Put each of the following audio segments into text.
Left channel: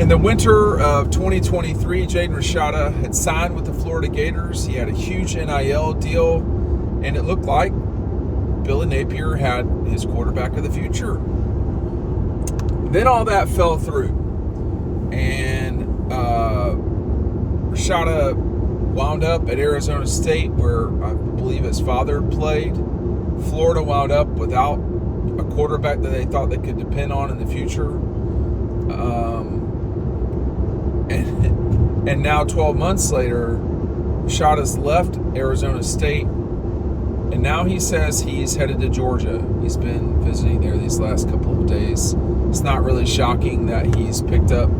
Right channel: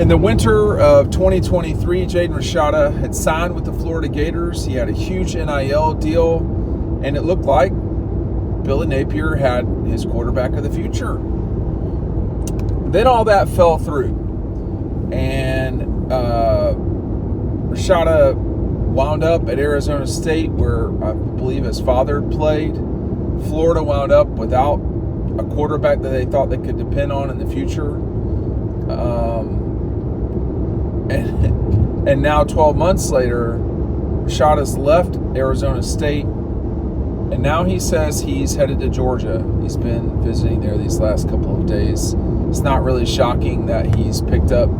In the winter of 2023, Jaden Rashada had signed with the Florida Gators. He had a huge NIL deal, and it looked like Billy Napier had his quarterback of the future. Then all that fell through, and Rashada wound up at Arizona State, where I believe his father played. Florida wound up without a quarterback that they thought they could depend on in the future. And now 12 months later, Rashada's left Arizona State, and now he says he's headed to Georgia. He's been visiting there these last couple of days. It's not really shocking that he's picked up,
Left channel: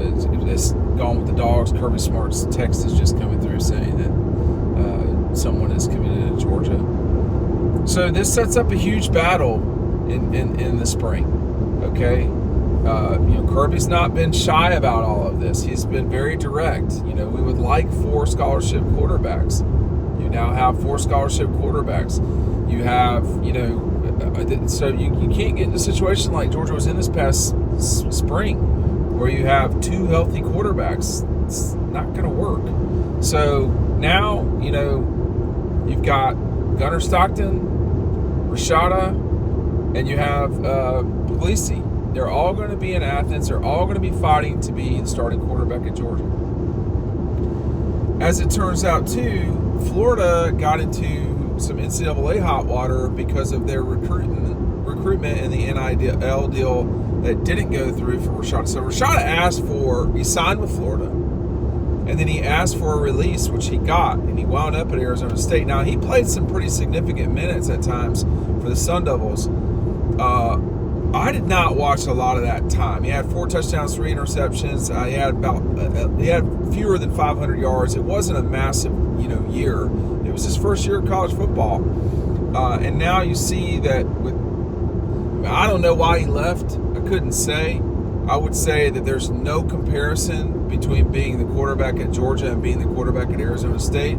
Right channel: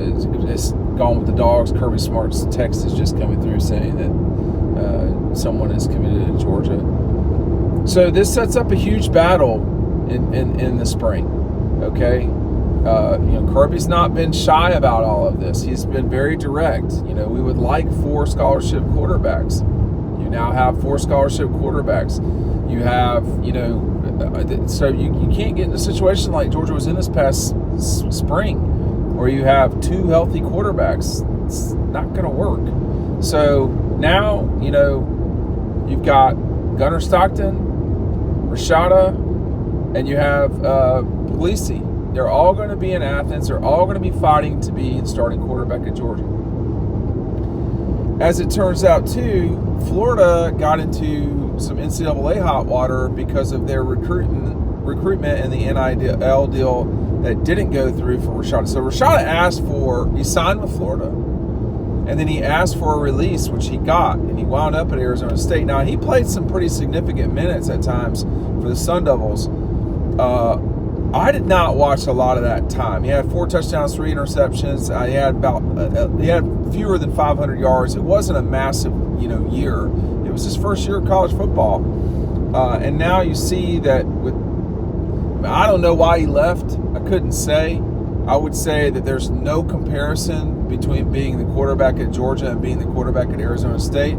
it's gone with the Dogs. Kirby Smart's text is just coming through saying that someone is committed to Georgia. So this sets up a huge battle in the spring, okay? Kirby's not been shy about all of this. He's been very direct. We would like 4 scholarship quarterbacks. You now have 4 scholarship quarterbacks. You have, so you can't get in a situation like Georgia was in this past spring, where you have 2 healthy quarterbacks. It's not going to work. So now, you've got Gunnar Stockton, Rashada, and you have Puglisi. They're all going to be in Athens. They're all going to be fighting to be the starting quarterback at Georgia. As it turns out, too, Florida got into some NCAA hot water because of their recruitment and the NIL deal that didn't go through for Rashada. So Rashada he signed with Florida, and then he asked for a release, which he got, and he wound up at Arizona State. Now, he played some pretty significant minutes at times for the Sun Devils. I did not watch a lot of that time. He had 4 touchdowns, 3 interceptions. He had fewer than 500 yards. It wasn't a massive, year. It was his first year of college football, and now you see that I don't know why he left. I couldn't say. I would say that there's no comparison between being the quarterback at Georgia and being the quarterback at Arizona State.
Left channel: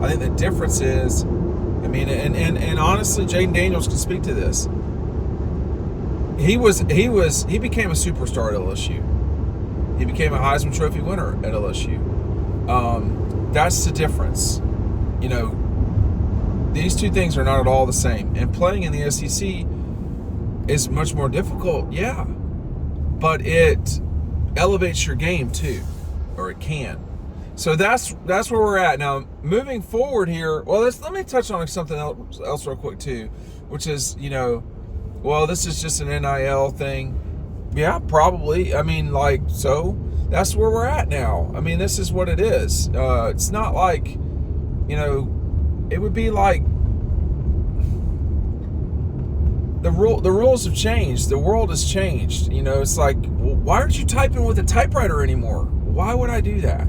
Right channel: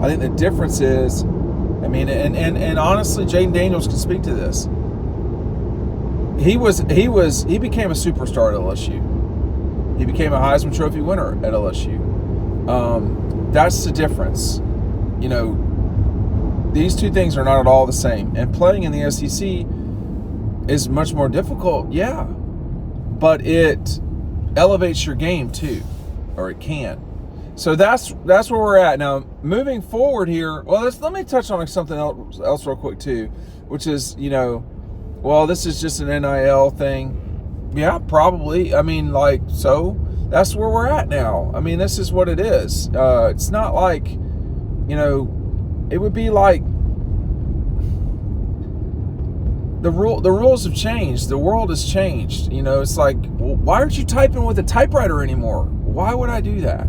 I think the difference is, and honestly, Jaden Daniels can speak to this. He became a superstar at LSU. He became a Heisman Trophy winner at LSU. That's the difference. These two things are not at all the same. And playing in the SEC is much more difficult, yeah. But it elevates your game too, or it can. So that's where we're at now. Moving forward here, well, let me touch on something else real quick too, which is this is just an NIL thing. Yeah, probably. So that's where we're at now. This is what it is. It's not like, it would be like the rules have changed. The world has changed. It's like, why aren't you typing with a typewriter anymore? Why would I do that?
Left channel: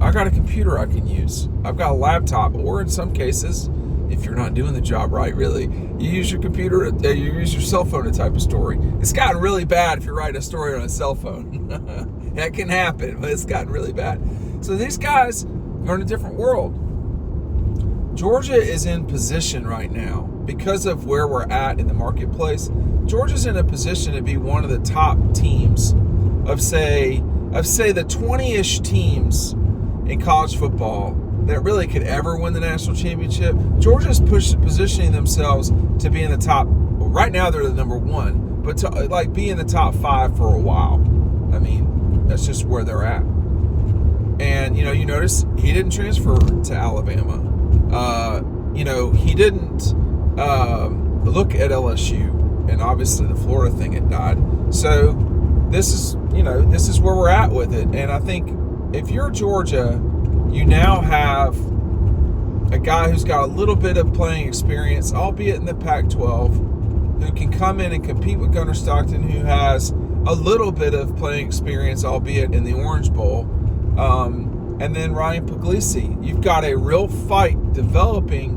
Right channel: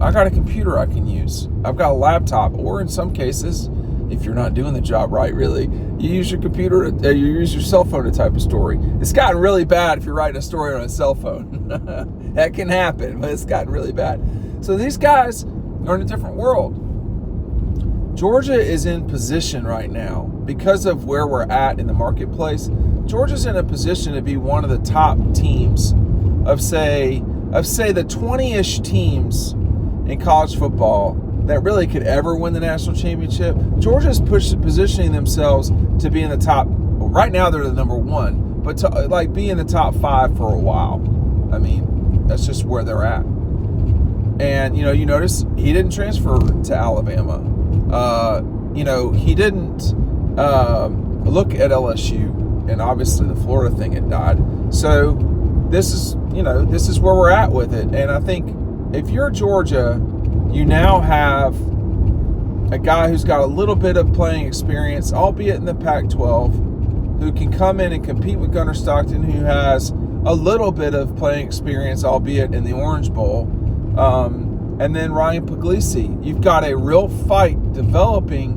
I got a computer I can use. I've got a laptop, or in some cases, if you're not doing the job right, really, you use your computer, you use your cell phone to type a story. It's gotten really bad if you're writing a story on a cell phone. That can happen, but it's gotten really bad. So these guys are in a different world. Georgia is in position right now because of where we're at in the marketplace. Georgia's in a position to be one of the top teams of say the 20-ish teams in college football that really could ever win the national championship. Georgia's positioning themselves to be in the top. Right now they're the number 1, but to be in the top 5 for a while. That's just where they're at. And you notice he didn't transfer to Alabama. He didn't look at LSU, and obviously the Florida thing had died. So this is where we're at with it. And I think if you're Georgia, you now have a guy who's got a little bit of playing experience, albeit in the Pac-12, who can come in and compete with Gunnar Stockton, who has a little bit of playing experience, albeit in the Orange Bowl. And then Ryan Puglisi. You've got a real fight developing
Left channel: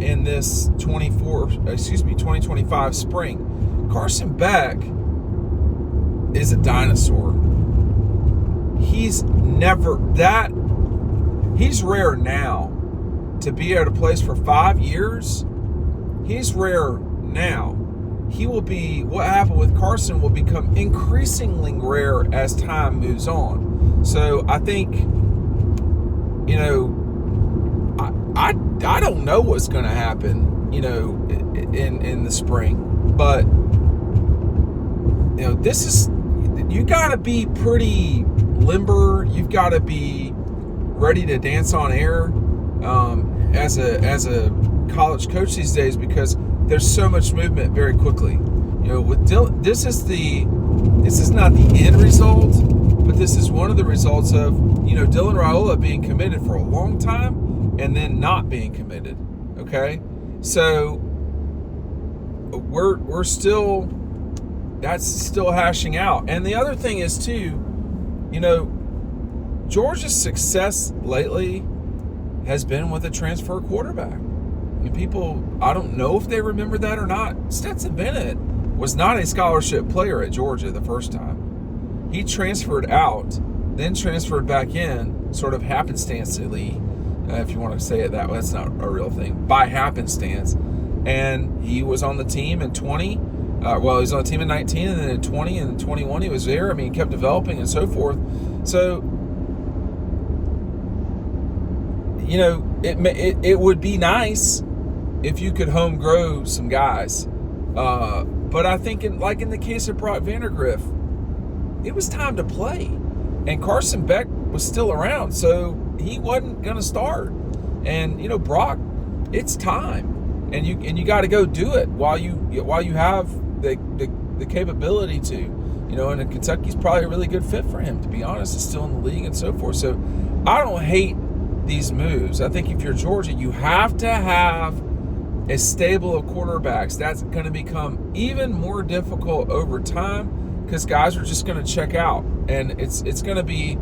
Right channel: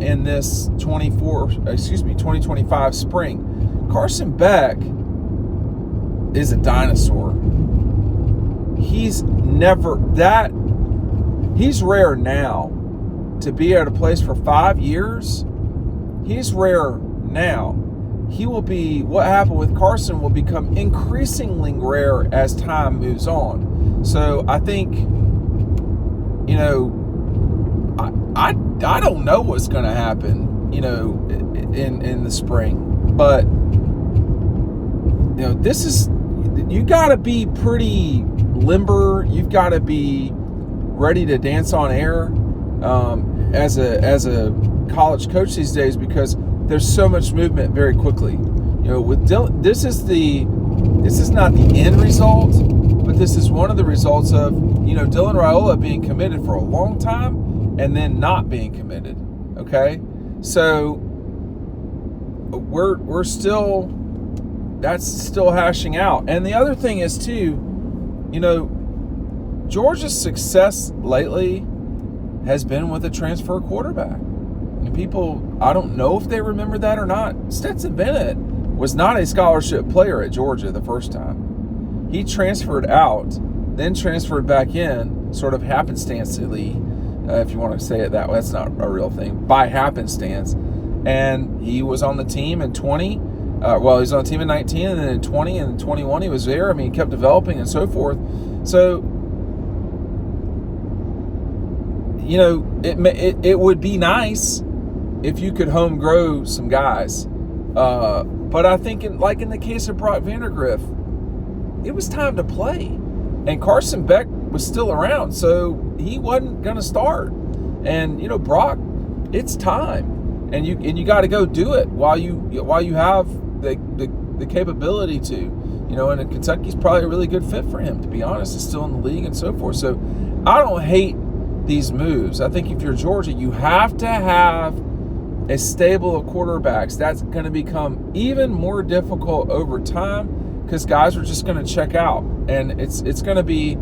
in this 2025 spring. Carson Beck is a dinosaur. He's rare now. To be at a place for 5 years, he's rare now. what happened with Carson will become increasingly rare as time moves on. So I think, I don't know what's going to happen, in the spring, but this is, you got to be pretty limber. You've got to be ready to dance on air as a college coach these days, because there's so much movement very quickly. With Dylan, this is not the end result, but this is one of the results of Dylan Raiola being committed for a long time and then not being committed. Okay, so we're still, that's still hashing out. And the other thing is too, Georgia's success lately has been with a transfer quarterback. And people, I don't know if they remember that or not. Stetson Bennett was not a scholarship player at Georgia the first time. He transferred out, then transferred back in, sort of happenstancely, if you want to say it that way. That's not a real thing. By happenstance. And he was on the team in 20. He was on the team in 19, and then in 20 and 21 he was there. I mean, he kept developing and so forth. So, it would be nice if you could home grow some guys. But I think in the case of Brock Vandagriff, it was time to play. And Carson Beck was still around, so he wasn't going to start. And, Brock, it's time. And you got to go do it while you have the capability to. And Kentucky's probably a really good fit for him, to be honest. It's still in the league and so forth. So I don't hate these moves. I think if you're Georgia, you have to have a stable of quarterbacks. That's going to become even more difficult over time because guys are just going to check out, and it's going to be,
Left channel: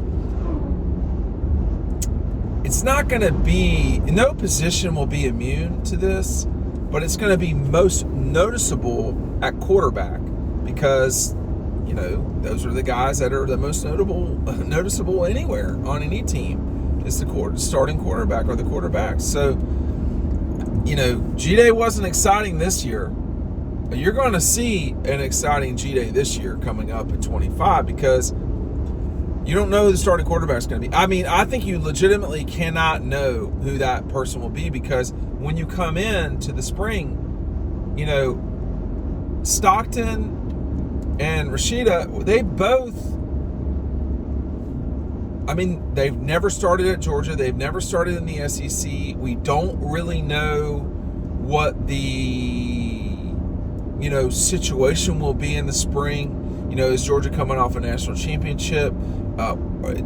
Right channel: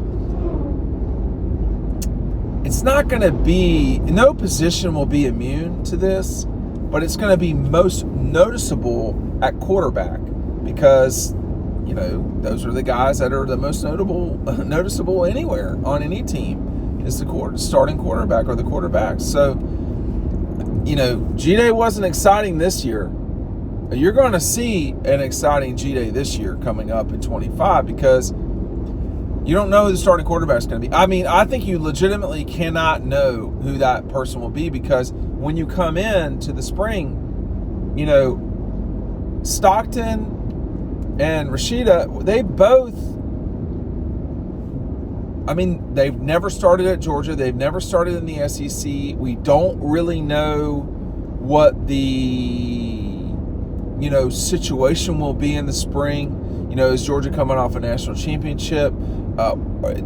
it's not going to be, no position will be immune to this, but it's going to be most noticeable at quarterback because those are the guys that are the most noticeable anywhere on any team. Is the starting quarterback or the quarterback. So, G-Day wasn't exciting this year. You're going to see an exciting G-Day this year coming up in 25 because you don't know who the starting quarterback is going to be. I mean, I think you legitimately cannot know who that person will be because when you come in to the spring, Stockton and Rashada, they both, they've never started at Georgia. They've never started in the SEC. We don't really know what the, situation will be in the spring. Is Georgia coming off a national championship?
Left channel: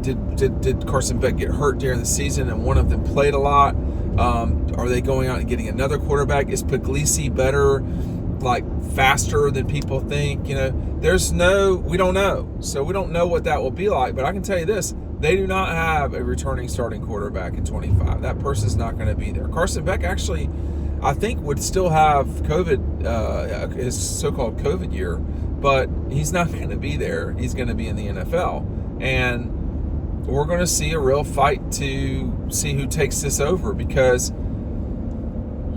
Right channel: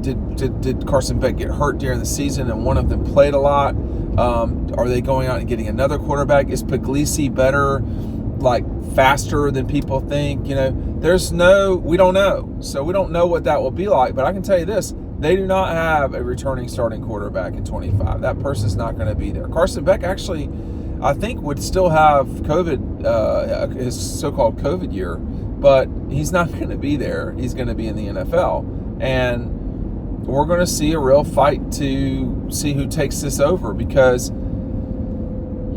Did Carson Beck get hurt during the season and one of them played a lot? Are they going out and getting another quarterback? Is Puglisi better, faster than people think? We don't know. So we don't know what that will be like. But I can tell you this. They do not have a returning starting quarterback in 25. That person's not going to be there. Carson Beck actually, I think, would still have COVID, his so-called COVID year, but he's not going to be there. He's going to be in the NFL. And we're going to see a real fight to see who takes this over because,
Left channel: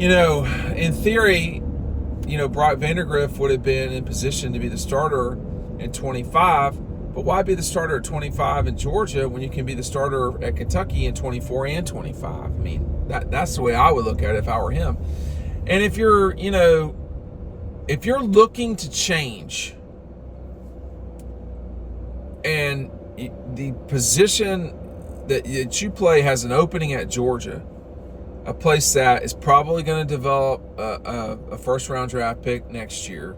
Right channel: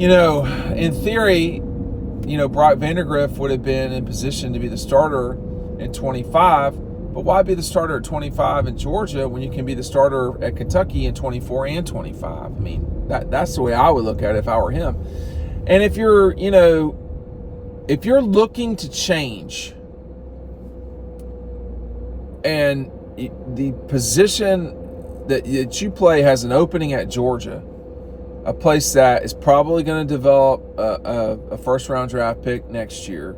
in theory, Brock Vandagriff would have been in position to be the starter in 25. But why be the starter at 25 in Georgia when you can be the starter at Kentucky in 24 and 25? That's the way I would look at it if I were him. And if you're looking to change and the position that you play has an opening at Georgia, a place that is probably going to develop a first-round draft pick next year,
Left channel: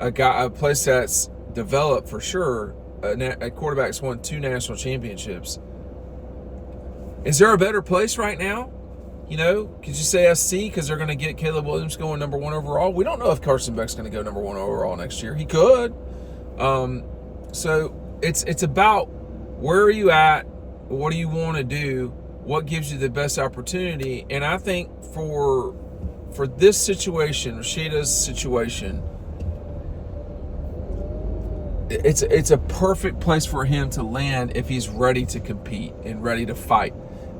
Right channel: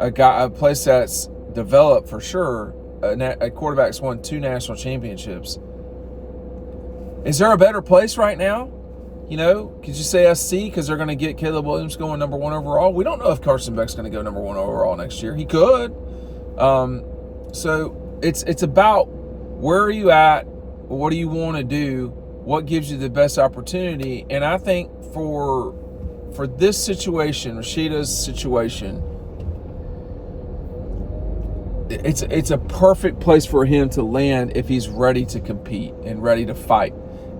a place that's developed for sure, a quarterback's won 2 national championships. Is there a better place right now? Could you say SC because they're going to get Caleb Williams going number 1 overall? We don't know if Carson Beck's going to go number 1 overall next year. He could. So it's about where are you at? What do you want to do? What gives you the best opportunity? And I think for this situation, Rashada's situation, it's a perfect place for him to land if he's ready to compete and ready to fight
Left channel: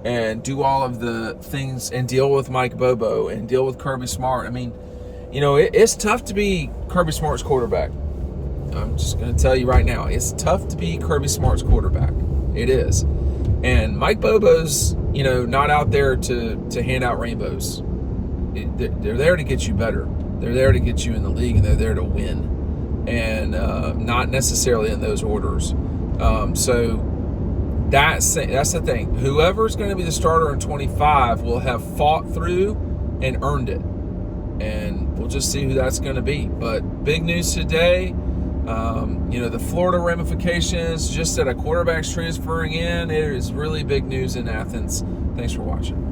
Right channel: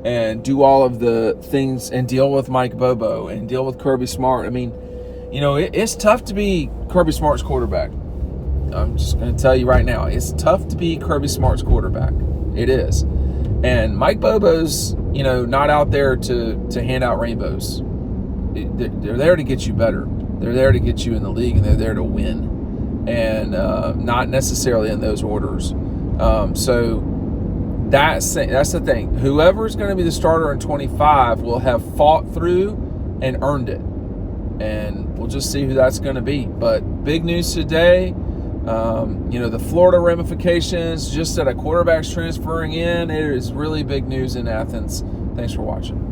and do all of the things and deal with Mike Bobo and deal with Kirby Smart. You know, it's tough to be Kirby Smart's quarterback. I'm just going to tell you right now, it's tough to be Kirby Smart's quarterback. It is. And Mike Bobo's, you know, not out there to hand out rainbows. They're there to get you better. They're there to get you in the league, and they're there to win, and not necessarily in those orders. So that's the thing. Whoever's going to be the starter in 25 will have fought through and earned it, and we'll just see who that's going to be. But big news today. You know, the Florida ramifications, just that a quarterback's transferring in, it is really big news in Athens. Thanks for watching.